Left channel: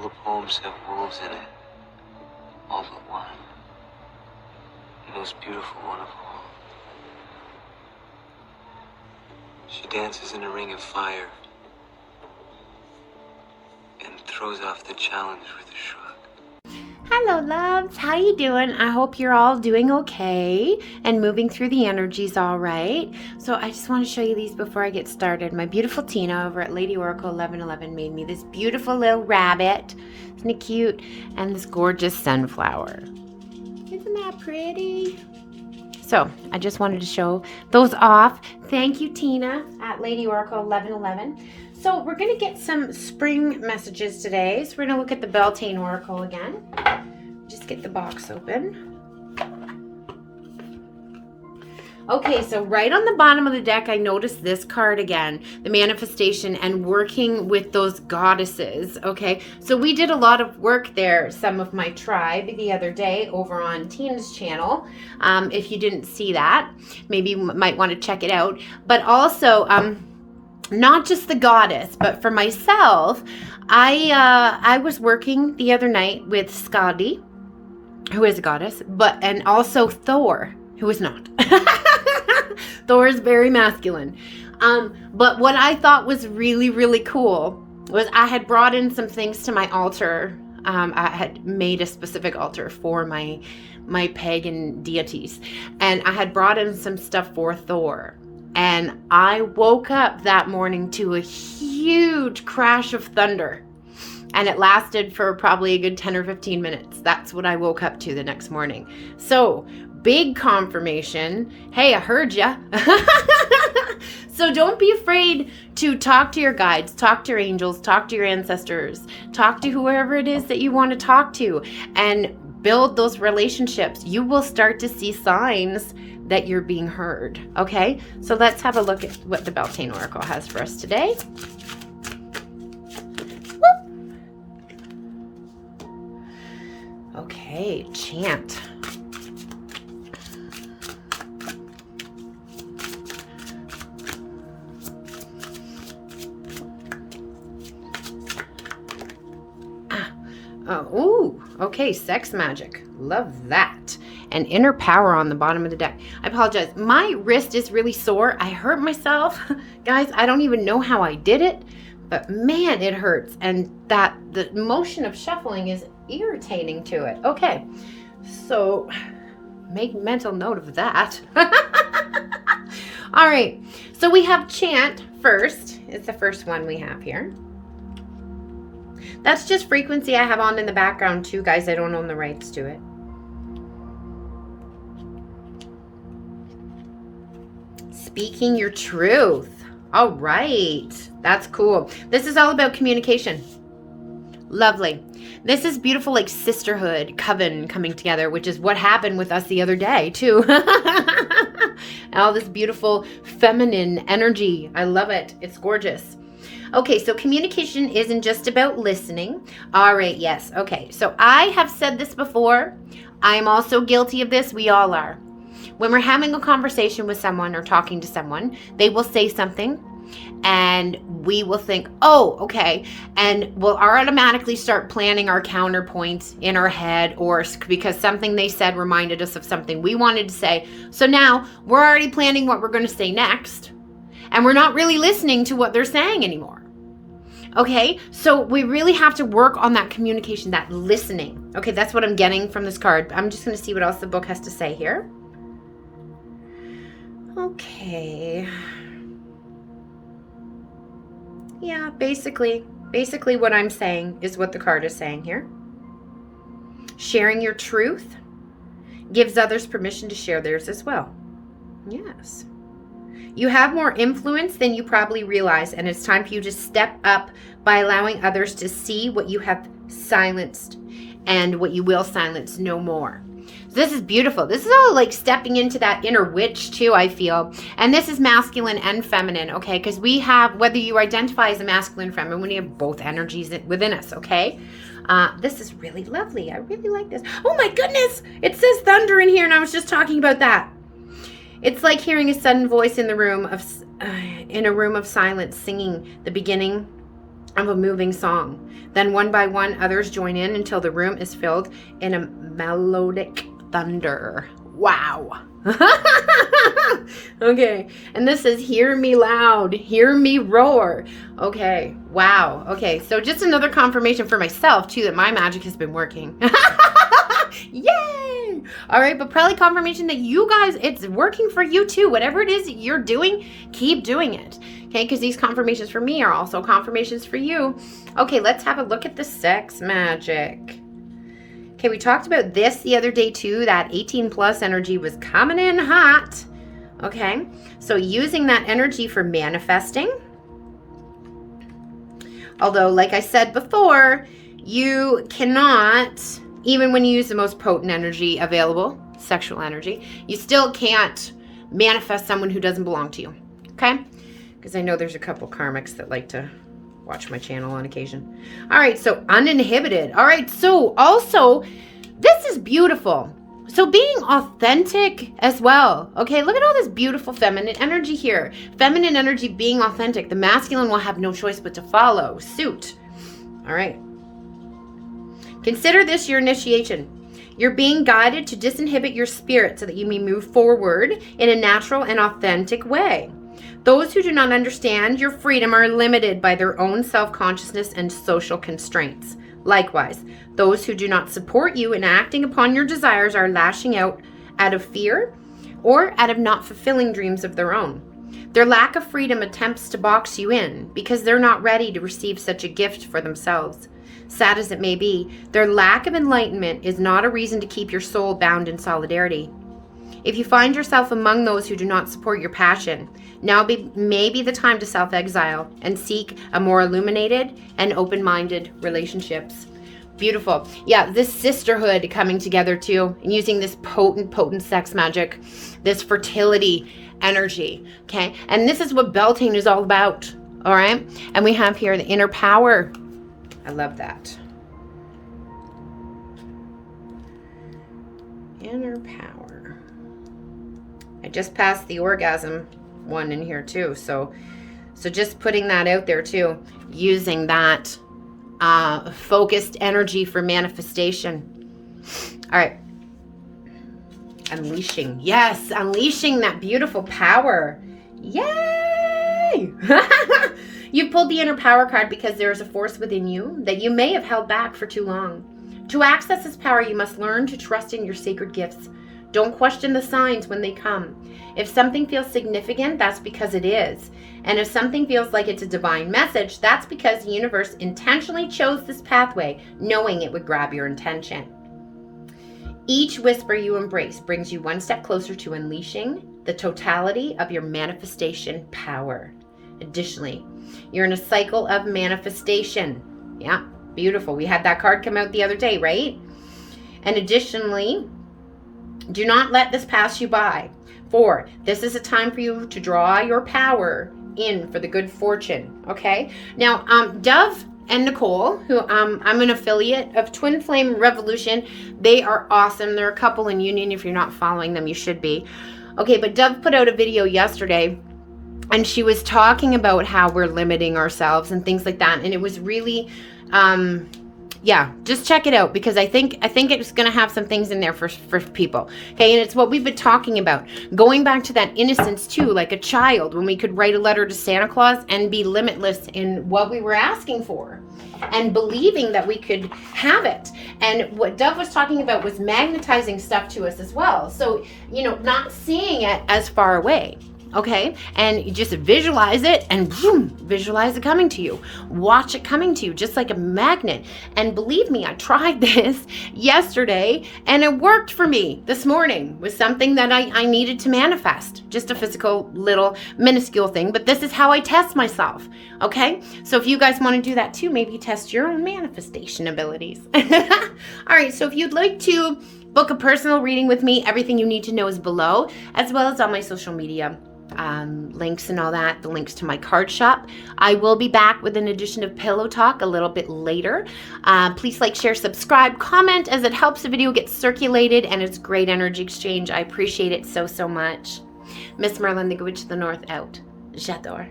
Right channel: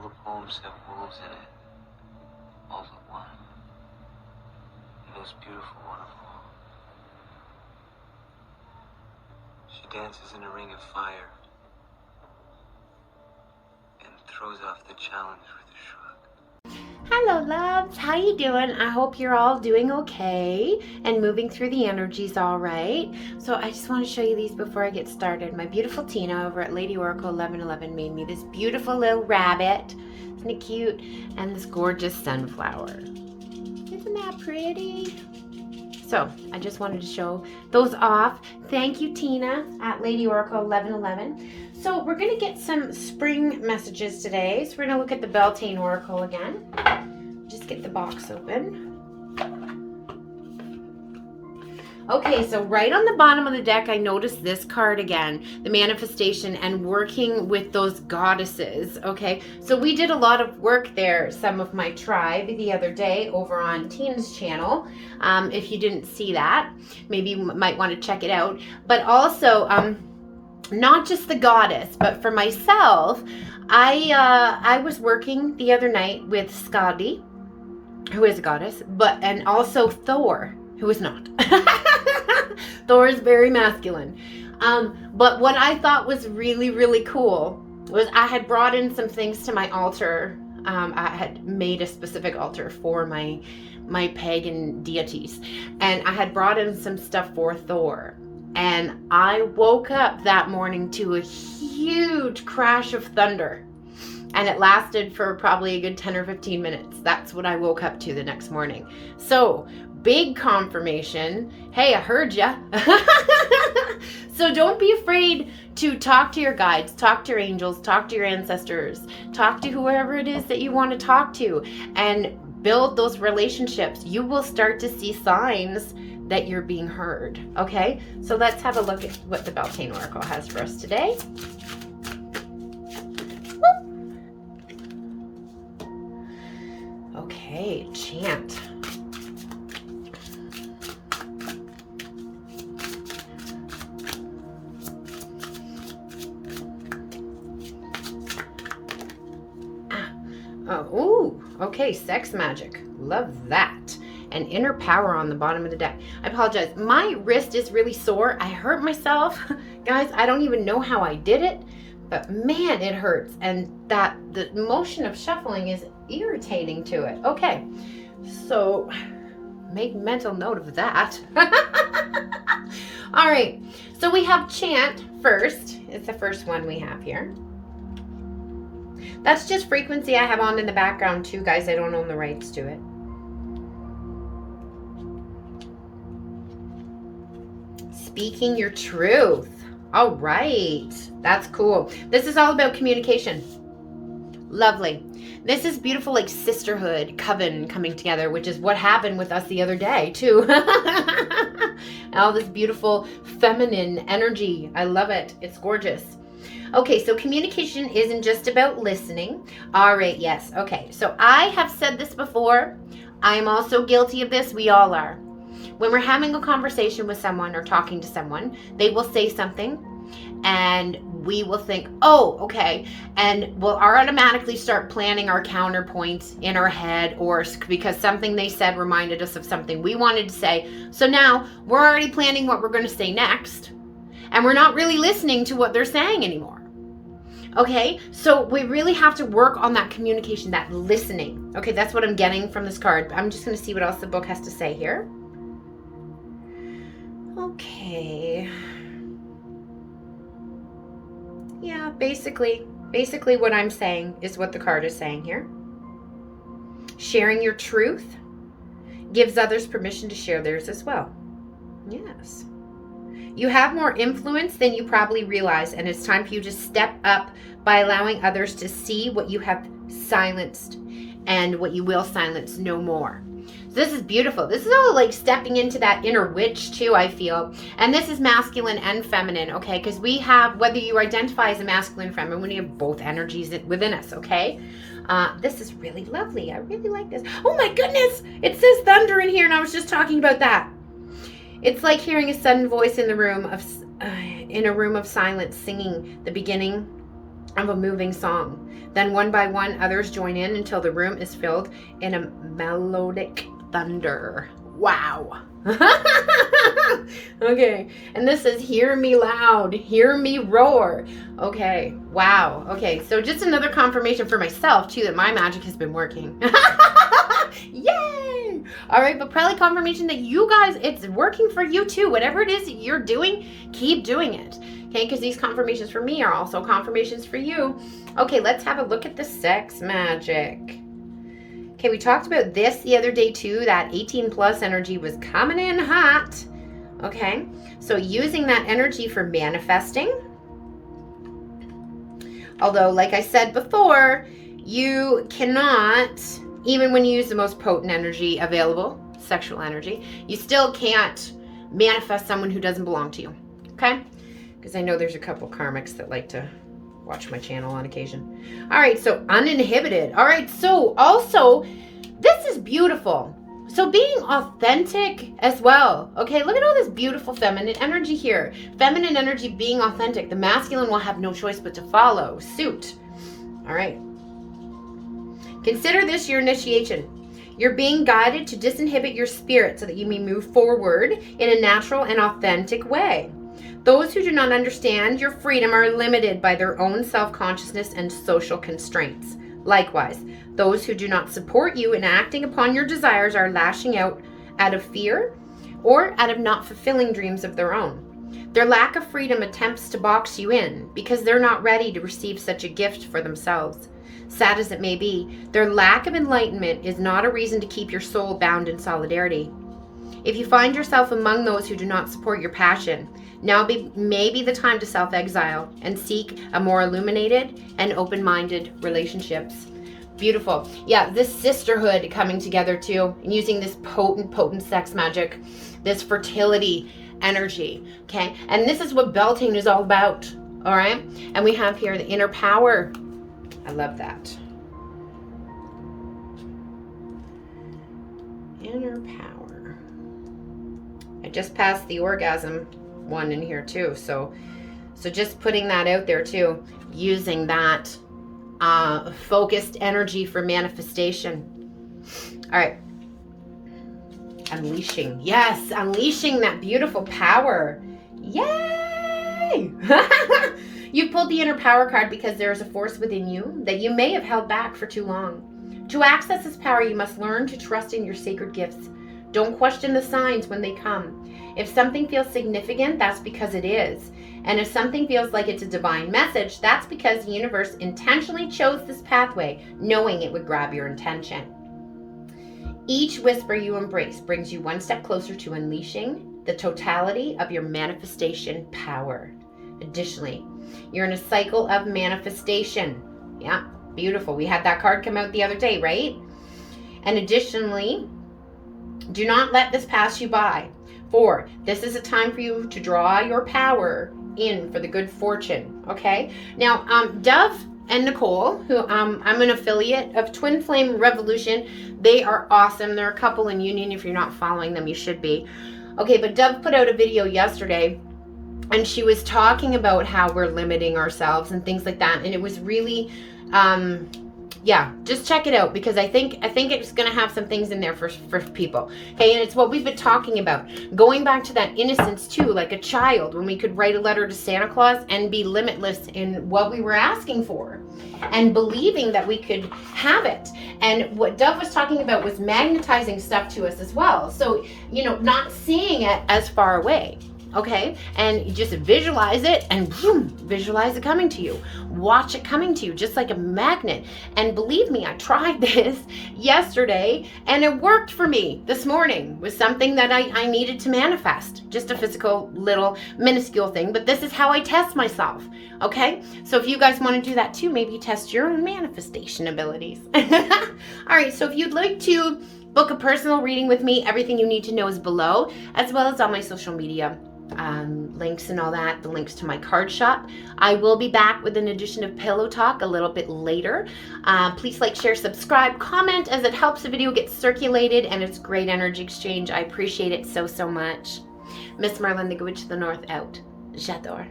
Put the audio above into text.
All the poems have wolves in it. All but one. The most beautiful one of all. She dances in a ring of fire and throws off the challenge with a shrug. Hello, loves. How you doing? I hope you're all doing okay and moving through the energies all right. So I just want to show you these before I get started. My beautiful Tina over at Lady Oracle 1111 made me this beautiful little rabbit. Isn't it cute? And this gorgeous sunflower. Isn't that pretty? So I just wanted to show those off. Thank you, Tina at Lady Oracle 1111. So we're going to get some spring messages today. So we're going to look at the Beltane Oracle again. Just get the box open. Okay, so right on the bottom of the deck, I noticed this card again, the manifestation and working with those goddesses, okay? So we did a lot of work there, some of my tribe, the other day over on Tina's channel. If you didn't see that, maybe you might want to check it out. But also, not just the goddess, but for myself, I was working the other night with Skadi, who is a goddess, and also Thor, who is not. Thor is very masculine. But what I thought was really, really cool was I had brought in some things to my altar. I had made a specific altar for my pagan deities, and I had brought in some stuff for Thor. And I woke up that morning to a huge crash of thunder. And it lasted for probably a good 10 or 15 minutes. That's what I woke up to the next morning. So, big confirmation. Hey, I heard ya. So don't be afraid to talk to your guides, talk to your angels, talk to your ancestors, talk to whoever it is that you want to talk to, and build those relationships. You will start to see signs that you're being heard. Okay, so let's have a look at what the Beltane Oracle has for us today. Okay, chant. Ooh, okay, sex magic. Love that. And inner power on the bottom of the deck. I apologize. My wrist is really sore. I hurt myself. Guys, I don't even know how I did it, but man, it hurts. And that the motion of shuffling is irritating to it. Okay, so make mental note of that. All right, so we have chant first. It's the first one we have here. That's just frequency I have on in the background too, guys. I don't own the rights to it. Speaking your truth. All right. That's cool. This is all about communication. Lovely. This is beautiful, like sisterhood, coven coming together, which is what happened with us the other day too. And all this beautiful feminine energy. I love it. It's gorgeous. Okay, so communication isn't just about listening. All right, yes. Okay, so I have said this before. I'm also guilty of this. We all are. When we're having a conversation with someone or talking to someone, they will say something and we will think, oh, okay. And we'll automatically start planning our counterpoints in our head, or because something they said reminded us of something we wanted to say. So now we're already planning what we're going to say next. And we're not really listening to what they're saying anymore. Okay, so we really have to work on that communication, that listening. Okay, that's what I'm getting from this card. I'm just going to see what else the book has to say here. Okay. Yeah, basically what I'm saying is what the card is saying here. Sharing your truth gives others permission to share theirs as well. Yes. You have more influence than you probably realize, and it's time for you to step up by allowing others to see what you have silenced and what you will silence no more. This is beautiful. This is all like stepping into that inner witch too, I feel. And this is masculine and feminine, okay? Because we have, whether you identify as a masculine or feminine, we have both energies within us, okay? This is really lovely. I really like this. Oh my goodness! It says thunder in here, and I was just talking about that. It's like hearing a sudden voice in a room of silence, singing the beginning of a moving song. Then one by one, others join in until the room is filled in a melodic thunder. Wow. Okay, and this is hear me loud, hear me roar. Okay, wow. Okay, so just another confirmation for myself too that my magic has been working. Yay! All right, but probably confirmation that you guys, it's working for you too. Whatever it is that you're doing, keep doing it. Okay, because these confirmations for me are also confirmations for you. Okay, let's have a look at the sex magic. Okay, we talked about this the other day too, that 18 plus energy was coming in hot. Okay, so using that energy for manifesting. Although, like I said before, you cannot, even when you use the most potent energy available, sexual energy, you still can't manifest someone who doesn't belong to you. Okay, because I know there's a couple karmics that like to watch my channel on occasion. All right, so uninhibited. All right, so also, this is beautiful. So being authentic as well. Okay, look at all this beautiful feminine energy here. Feminine energy being authentic. The masculine will have no choice but to follow suit. All right. Consider this your initiation. You're being guided to disinhibit your spirit so that you may move forward in a natural and authentic way. Those who do not understand your freedom are limited by their own self-consciousness and social constraints. Likewise, those who do not support you in acting upon your desires are lashing out of fear or out of not fulfilling dreams of their own. Their lack of freedom attempts to box you in because they're not ready to receive such a gift for themselves. Sad as it may be, their lack of enlightenment is not a reason to keep your soul bound in solidarity. If you find yourself among those who do not support your passion, now may be the time to self-exile and seek a more illuminated and open-minded relationships. Beautiful. Yeah, this sisterhood coming together too, and using this potent sex magic, this fertility energy, okay? And this is what Beltane is all about, all right? And we have here the inner power. I love that. Inner power. I just passed the orgasm one in here too, so just putting that out there too, using that focused energy for manifestation. All right, unleashing. Yes, unleashing that beautiful power. Yay! You pulled the inner power card because there is a force within you that you may have held back for too long. To access this power, you must learn to trust in your sacred gifts. Don't question the signs when they come. If something feels significant, that's because it is. And if something feels like it's a divine message, that's because the universe intentionally chose this pathway, knowing it would grab your attention. Each whisper you embrace brings you one step closer to unleashing the totality of your manifestation power. Additionally, you're in a cycle of manifestation. Yeah, beautiful. We had that card come out the other day, right? And additionally, do not let this pass you by. For this is a time for you to draw your power in for the good fortune. Okay. Now, Dove and Nicole, who I'm an affiliate of Twinflame Revolution. They are awesome. They're a couple in union. If you're not following them, you should be. Okay, but Dove put out a video yesterday, and she was talking about how we're limiting ourselves and things like that. And it was really, yeah, just check it out, because I think it's going to have some things in there for people. Okay, and it's what we've been talking about. Going back to that innocence too, like a child, when we could write a letter to Santa Claus and be limitless in what we were asking for and believing that we could have it. And what Dove was talking about was magnetizing stuff to us as well. So, you know, not seeing it as far away. Okay, and you just visualize it and boom, visualize it coming to you. Watch it coming to you just like a magnet. And believe me, I tried this yesterday and it worked for me this morning with something that I needed to manifest. Just a physical little minuscule thing, but this is how I test myself. Okay, so if you guys want to do that too, maybe test your own manifestation abilities. All right, so if you'd like to book a personal reading with me, everything you need to know is below, as well as on my social media. Links and all that, the links to my card shop. I will be back with an edition of Pillow Talk a little bit later. Please like, share, subscribe, comment, as it helps the video get circulated, and it's great energy exchange. I appreciate it so much. MsMerlin, the Good Witch of the North, out. J'adore.